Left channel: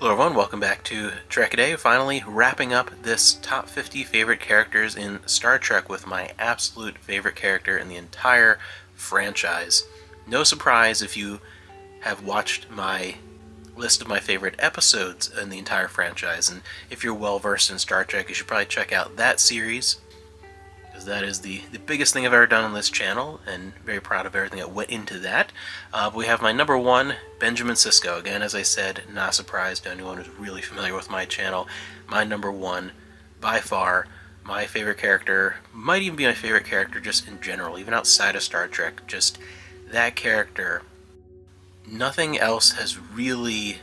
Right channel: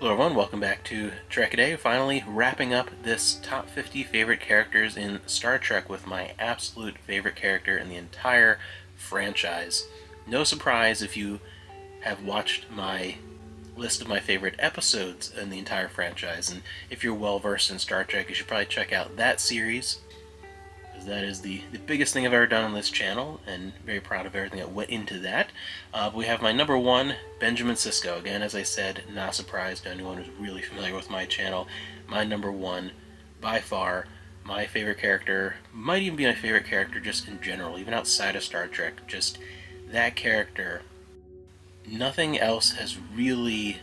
Hello everyone, welcome back to Trek A Day. Finally wrapping up this top 50 favorite characters in Star Trek with my absolute favorite character in the entire franchise. No surprise if you have watched my list of my favorite episodes in the entire franchise, and if you're well versed in Star Trek, you should probably check out that series, because that is the biggest thing I've ever done on this channel, and very proud of everything that went into that. We have my number one, Benjamin Sisko. Again, as I said, not a surprise to anyone who's really familiar with my channel. My number one, by far, my favorite character, might even be my favorite character just in general, even outside of Star Trek. Just that character. Nothing else has really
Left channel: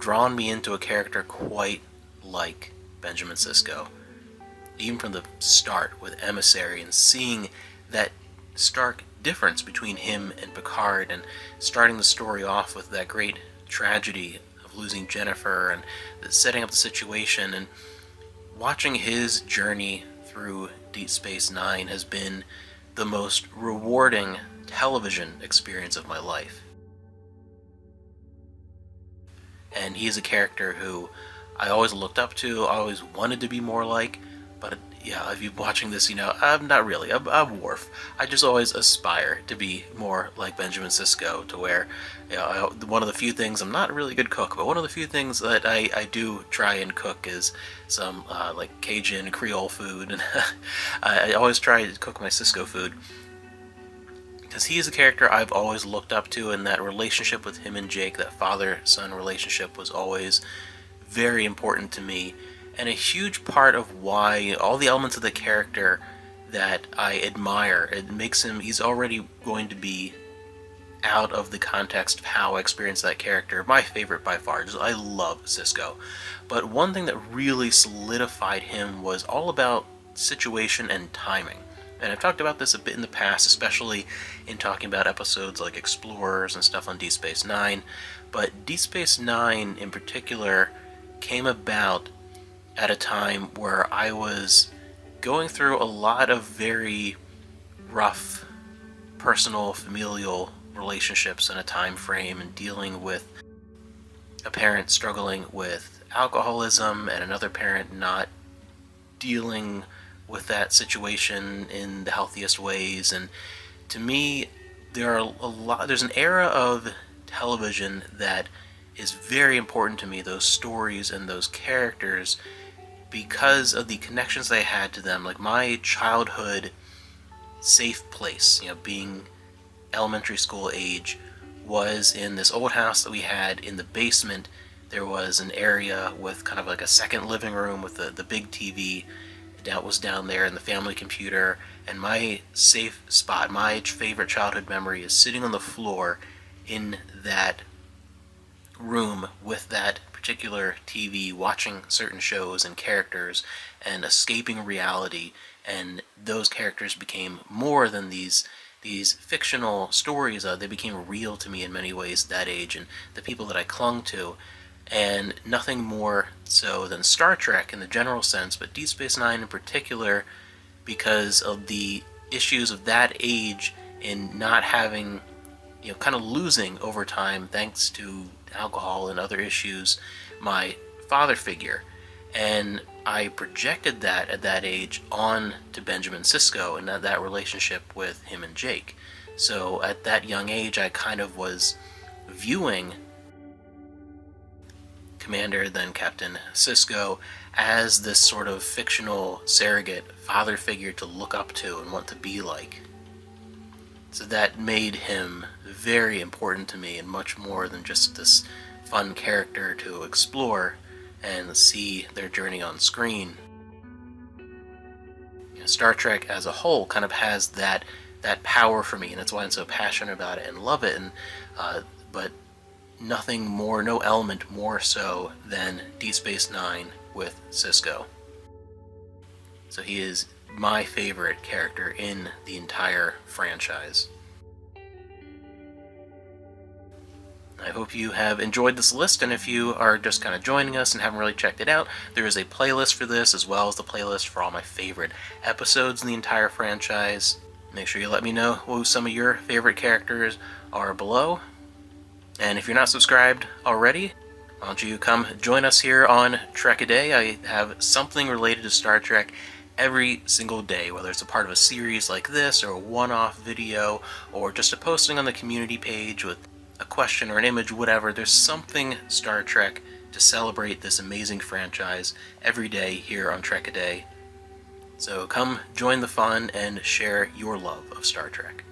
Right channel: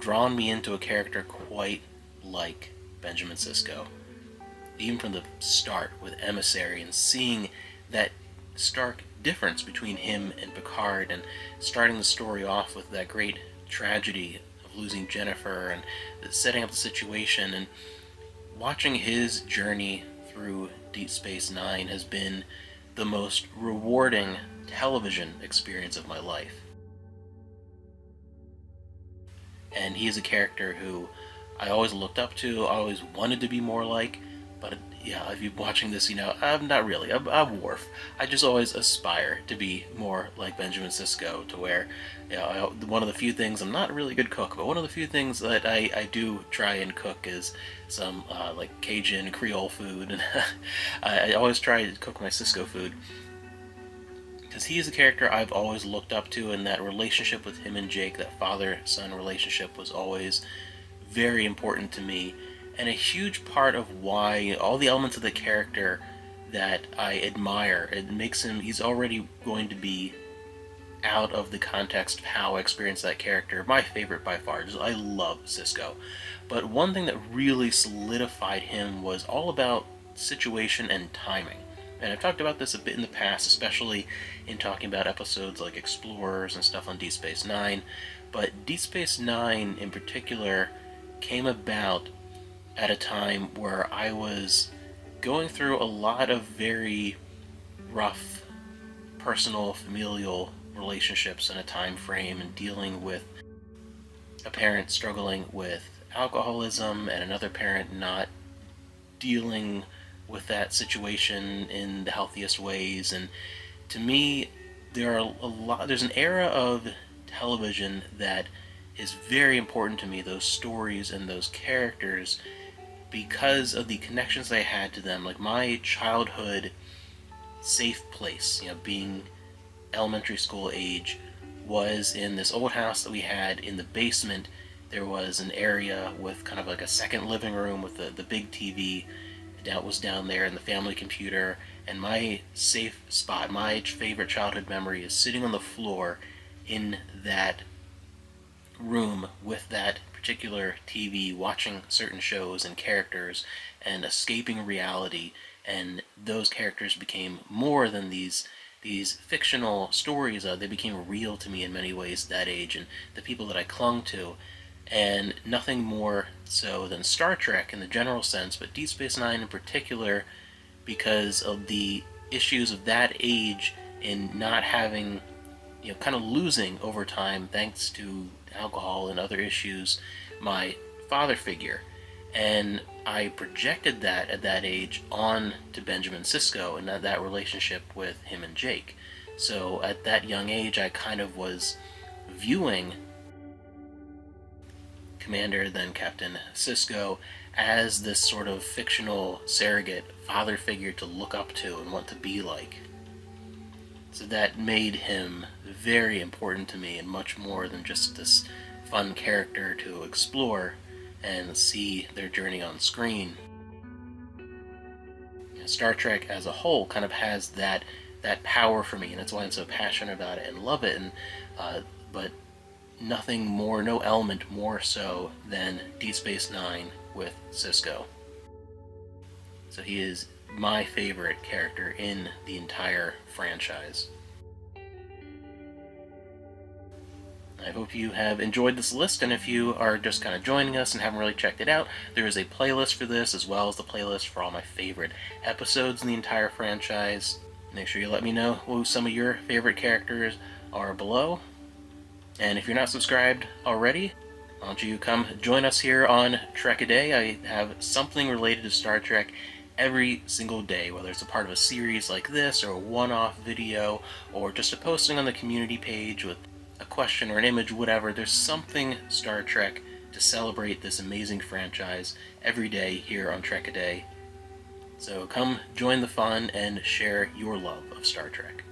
drawn me into a character quite like Benjamin Sisko. Even from the start with Emissary and seeing that stark difference between him and Picard, and starting the story off with that great tragedy of losing Jennifer and setting up the situation, and watching his journey through Deep Space Nine has been the most rewarding television experience of my life. And he is a character who I always looked up to, I always wanted to be more like, but yeah, if you're watching this, I'm not really. I'm Worf. I just always aspire to be more like Benjamin Sisko, to where, one of the few things, I'm not a really good cook, but one of the few things that I do try and cook is some like Cajun Creole food, and I always try to cook my Sisko food, because he is a character I've always looked up to, and that relationship with him and Jake, that father-son relationship, was always very important to me, and a huge part of why all the elements of the character that I admire. It makes him, he's already going to be out of the context of how I experience that character. My favorite by far. I love Sisko. But one thing that really solidified him was all about situation and timing. And I've talked about this a bit in the past, especially in talking about episodes like Explorers and stuff on Deep Space Nine. But Deep Space Nine in particular came about at a time where I was going through a lot of very rough personal, familial relationships in a time frame, and dealing with a parent struggling with alcoholism and another parent not dealing with that situation in the healthiest ways. And to me, there's an era of television that is very important to me, those stories and those characters, because of the connections I had to them. Like my childhood safe place, being elementary school age, was in this old house that we had. In the basement, there was an area with kind of like a second living room with the big TV that was down there, and the family computer. And my safe spot, my favorite childhood memory, is sitting on the floor in that room with that particular TV, watching certain shows and characters and escaping reality. And those characters became more than these fictional stories. They became real to me in many ways at that age, and the people that I clung to. And nothing more so than Star Trek in the general sense, but Deep Space Nine in particular, because of the issues of that age in not having, kind of losing over time thanks to alcohol and other issues, my father figure. And I projected that at that age on to Benjamin Sisko and that relationship with him and Jake. So at that young age, I kind of was viewing Commander, then Captain Sisko, as this sort of fictional surrogate father figure to look up to and want to be like. So that made him very important to me, and much more than just this fun character to explore and see their journey on screen. Star Trek as a whole kind of has that power for me, and that's why I'm so passionate about it and love it. And but nothing more, no element more so than Deep Space Nine with Sisko. So he is my favorite character in the entire franchise. I hope you have enjoyed this list, and if you are just kind of joining us and haven't really checked it out, there is a playlist for this, as well as the playlist for all my favorite episodes in the entire franchise. Make sure you let me know who some of your favorite characters are below. And if you're not subscribed already, Why don't you come join us here on Trek a Day? I have something related to Star Trek every single day, whether it's a part of a series like this, or a one-off video, or just a posting on the community page with a question or an image, whatever. There's something Star Trek to celebrate this amazing franchise every day here on Trek a Day. So come join the fun and share your love of Star Trek.